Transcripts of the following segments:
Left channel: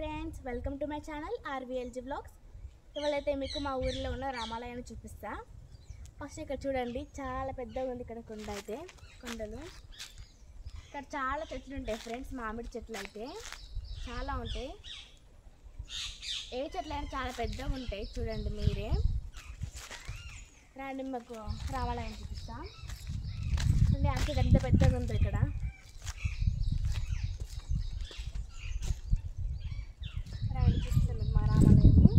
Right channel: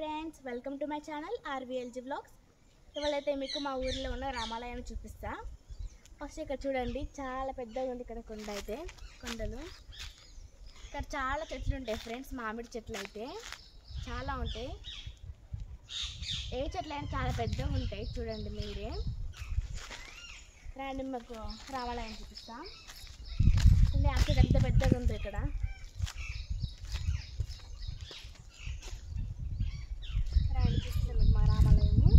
Friends, welcome to my channel RVLG vlogs. ఇవాళైతే మీకు మా ఊరిలో ఉన్న రామాలయాన్ని చూపిస్తా. ఫస్ట్ ఇక్కడ చూడండి, చాలా పెద్దగా ఉంది. ఇక్కడ కొండలు ఇక్కడ చాలా చెట్లు ఉంటాయి ఫ్రెండ్స్. మామిడి చెట్లు అయితే చాలా ఉంటాయి. ఏ చెట్లు అయినా చాలా పెద్దగా ఉంటాయి. చూడండి మీరే. రండి, మాకు రామాలయం చూపిస్తా. అక్కడ ఎంత పెద్దగా ఉంది. ఇక్కడ చూపిస్తాను మా రామాలయము.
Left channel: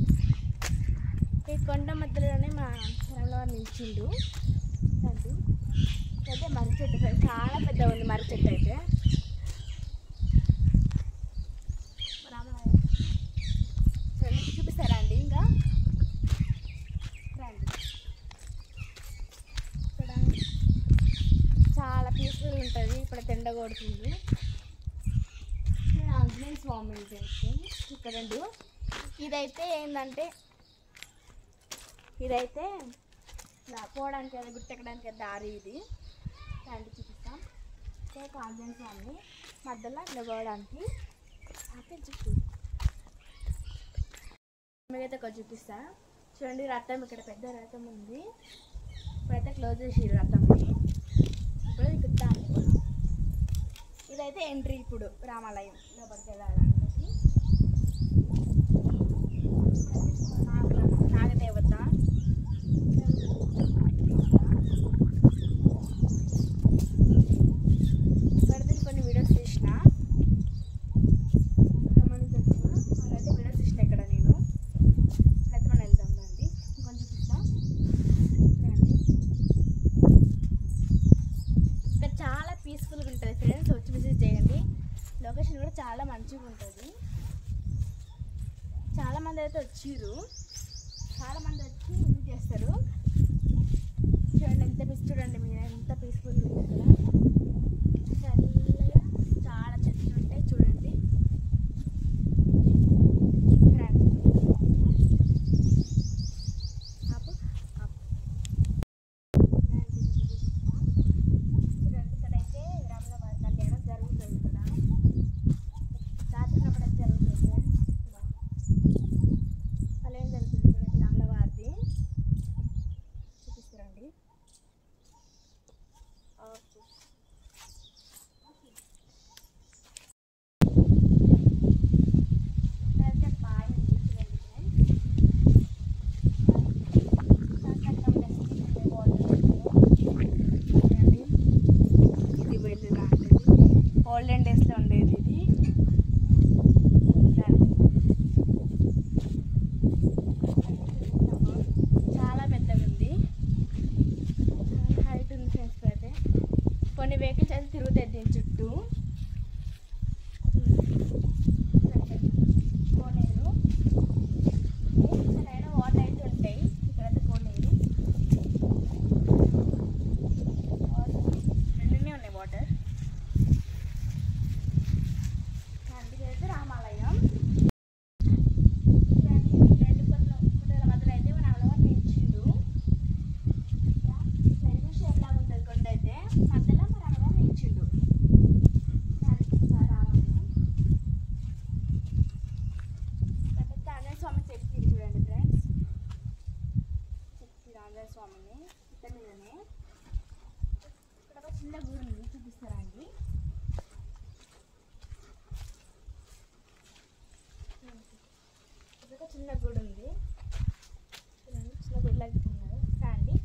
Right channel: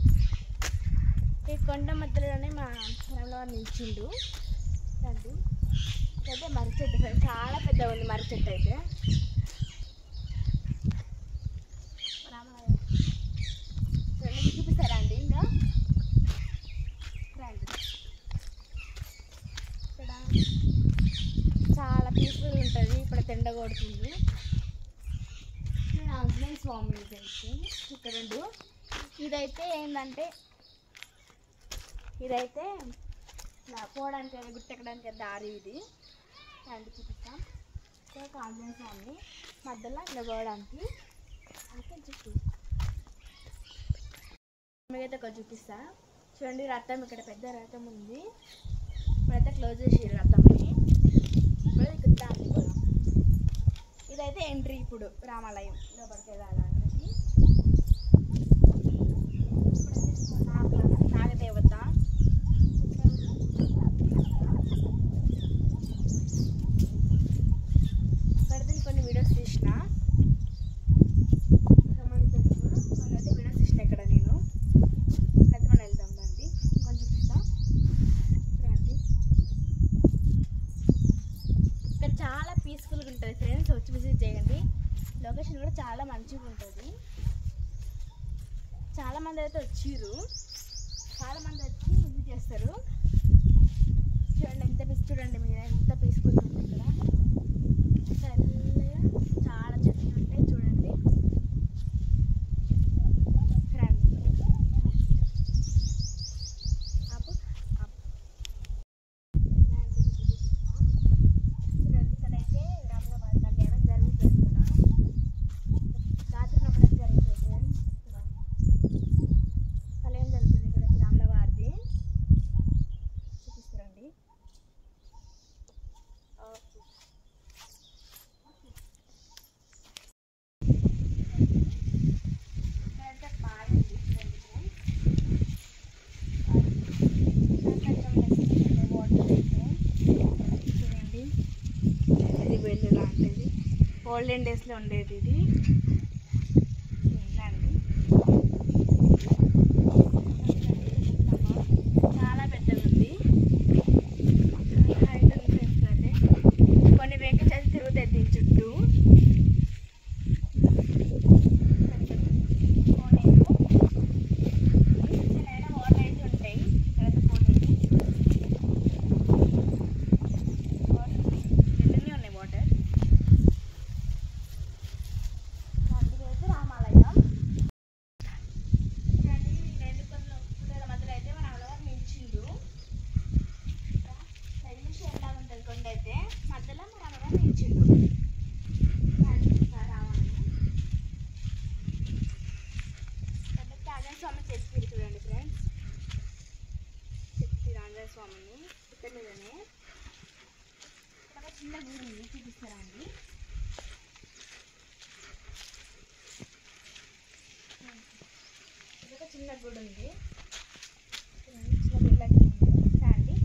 ఈ కొండ మధ్యలోనే మా రామలవారు నిలిచిండు. రండి, అయితే మర్రి చెట్టు ఫ్రెండ్స్, చాలా పెద్దగా ఉంది మర్రి చెట్టు అయితే. రామాలయం చూడండి, చూపిస్తారా అండి? ఇంకా రండి. ఇక్కడ చాలా పీస్ఫుల్ ఉంటుంది. ఇప్పుడు ఎండ కొడుతుంది. ఆంజనేయ స్వామి ఇక్కడ ఇదైతే ఏంటంటే, ఇదైతే పోవడానికి గుట్టెక్కడానికి దారి. ఇది రండి చూపిస్తాం. ఆంజనేయ స్వామి మధ్యలో నిలబడడానికి మీకైతే ఒక చూపిస్తా. చూడండి, రథం ఇక్కడ పెద్ద రథం ఉంది. ఇప్పుడైతే క్లోజ్ చేసి రథంని. ఇప్పుడు ఇక్కడ దారి కూడా. ఇదైతే ఎంట్రీ. ఇప్పుడు రామాలయం లోపలికి వెళ్ళాలంటే నాగదేవత. ఇక్కడైతే కొన్ని వీడియోస్ తీసిన, గమనించవచ్చు. వాళ్ళైతే వీడియోస్ తీసిన ఇక్కడ నేను. అయితే మనం వెళ్దాం రండి, ఇంకొంచెం చూపిస్తా రండి. ఇక్కడ చాలా పీస్ఫుల్గా ఉంటుంది ఫ్రెండ్స్, వచ్చి విజిట్ చేయండి. లొకేషన్ కూడా చాలా మంచిగా ఉంటుంది. చాలామంది అయితే వచ్చిర్రు, చాలామంది వచ్చి విజిట్ చేస్తారు. చూడండి ఎంత చూడండి మీరు, ఎంత పీస్ఫుల్గా ఉంటుంది. చాలా చెట్లు ఉంటాయి. చూడండి ఓల్డెన్ డేస్లో ఉండేది ఇది. చాలా పెద్దగా ఉంది. హైట్ ఉంది ఫ్రెండ్స్. అయితే కొన్ని వెహికల్స్ అయితే తిరుగుతాయి దీని చుట్టూ. వాటర్ అయితే ఉంటాయి. ఇక్కడైతే పోలేదు. రెండునే ఉన్నాయి వాటర్. రామాలయం గుట్టల మధ్యలో అయితే మన రామలవారు నిలిచిండు. ఎట్లా ఉంటుంది కొండ అయితే మధ్యలో మన రామలవారు నిలిచిండు. రామాలయం ఆంజనేయ స్వామి చెప్పారు. చూడండి ఫ్రెండ్స్, చెప్పారు ఆంజనేయ స్వామిని. ఇక్కడ మీదనే ఇక్కడ చిన్న గుడి ఉంది, చూపిస్తారా అండి? చిన్న గుడి ఉంది. చిన్న గుడి లాగా రండి.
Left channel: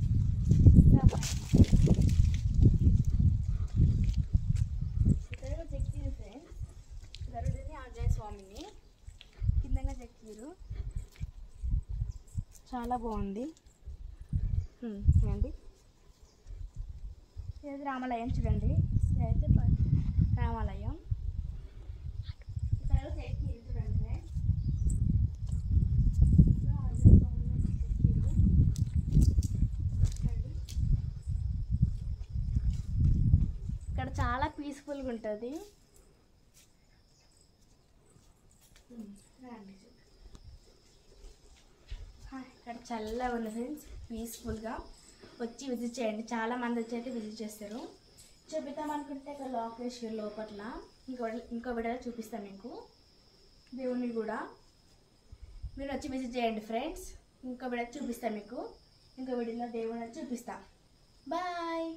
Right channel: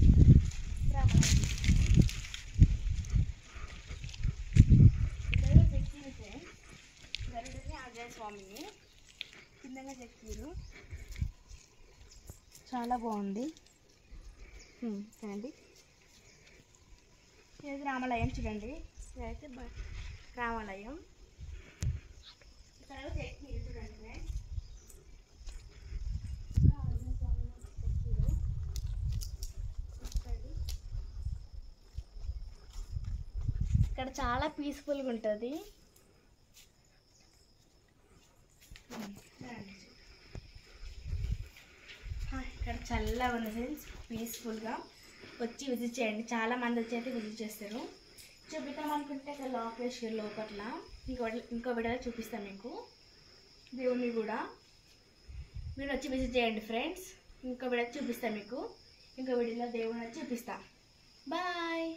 ఇక్కడ చెక్కిరు ఫ్రెండ్స్, గరుడిని ఆంజనేయ స్వామిని కిందంగా చెక్కిరు. చాలా బాగుంది. చూడండి, ఇది రామాలయం. చూడండి, ఇదైతే రామాలయం. ఇక్కడ చెక్కిరు. చూడండి ఫ్రెండ్స్, ఇక్కడ చాలా పీస్ఫుల్గా ఉంటుంది. ఇక్కడ చల్లగా ఉంది ఫ్రెండ్స్, పీస్ఫుల్గా. వచ్చి విజిట్ చేయండి. చాలామంది వచ్చి అయితే విజిట్ చేస్తారు. చూపిద్దాం అనుకుంటే ఇక్కడ లాక్ వేసి లోపల ఇంకో వీడియోలో చూపిస్తాను మీకు. దేవుని కూడా మీరు వచ్చి విజిట్ చేయండి ఫ్రెండ్స్. ఇంకో వీడియో చూపిస్తాను మీకు. ఇంకో వీడియోలో దేవుని వచ్చి చూపిస్తా. బాయ్.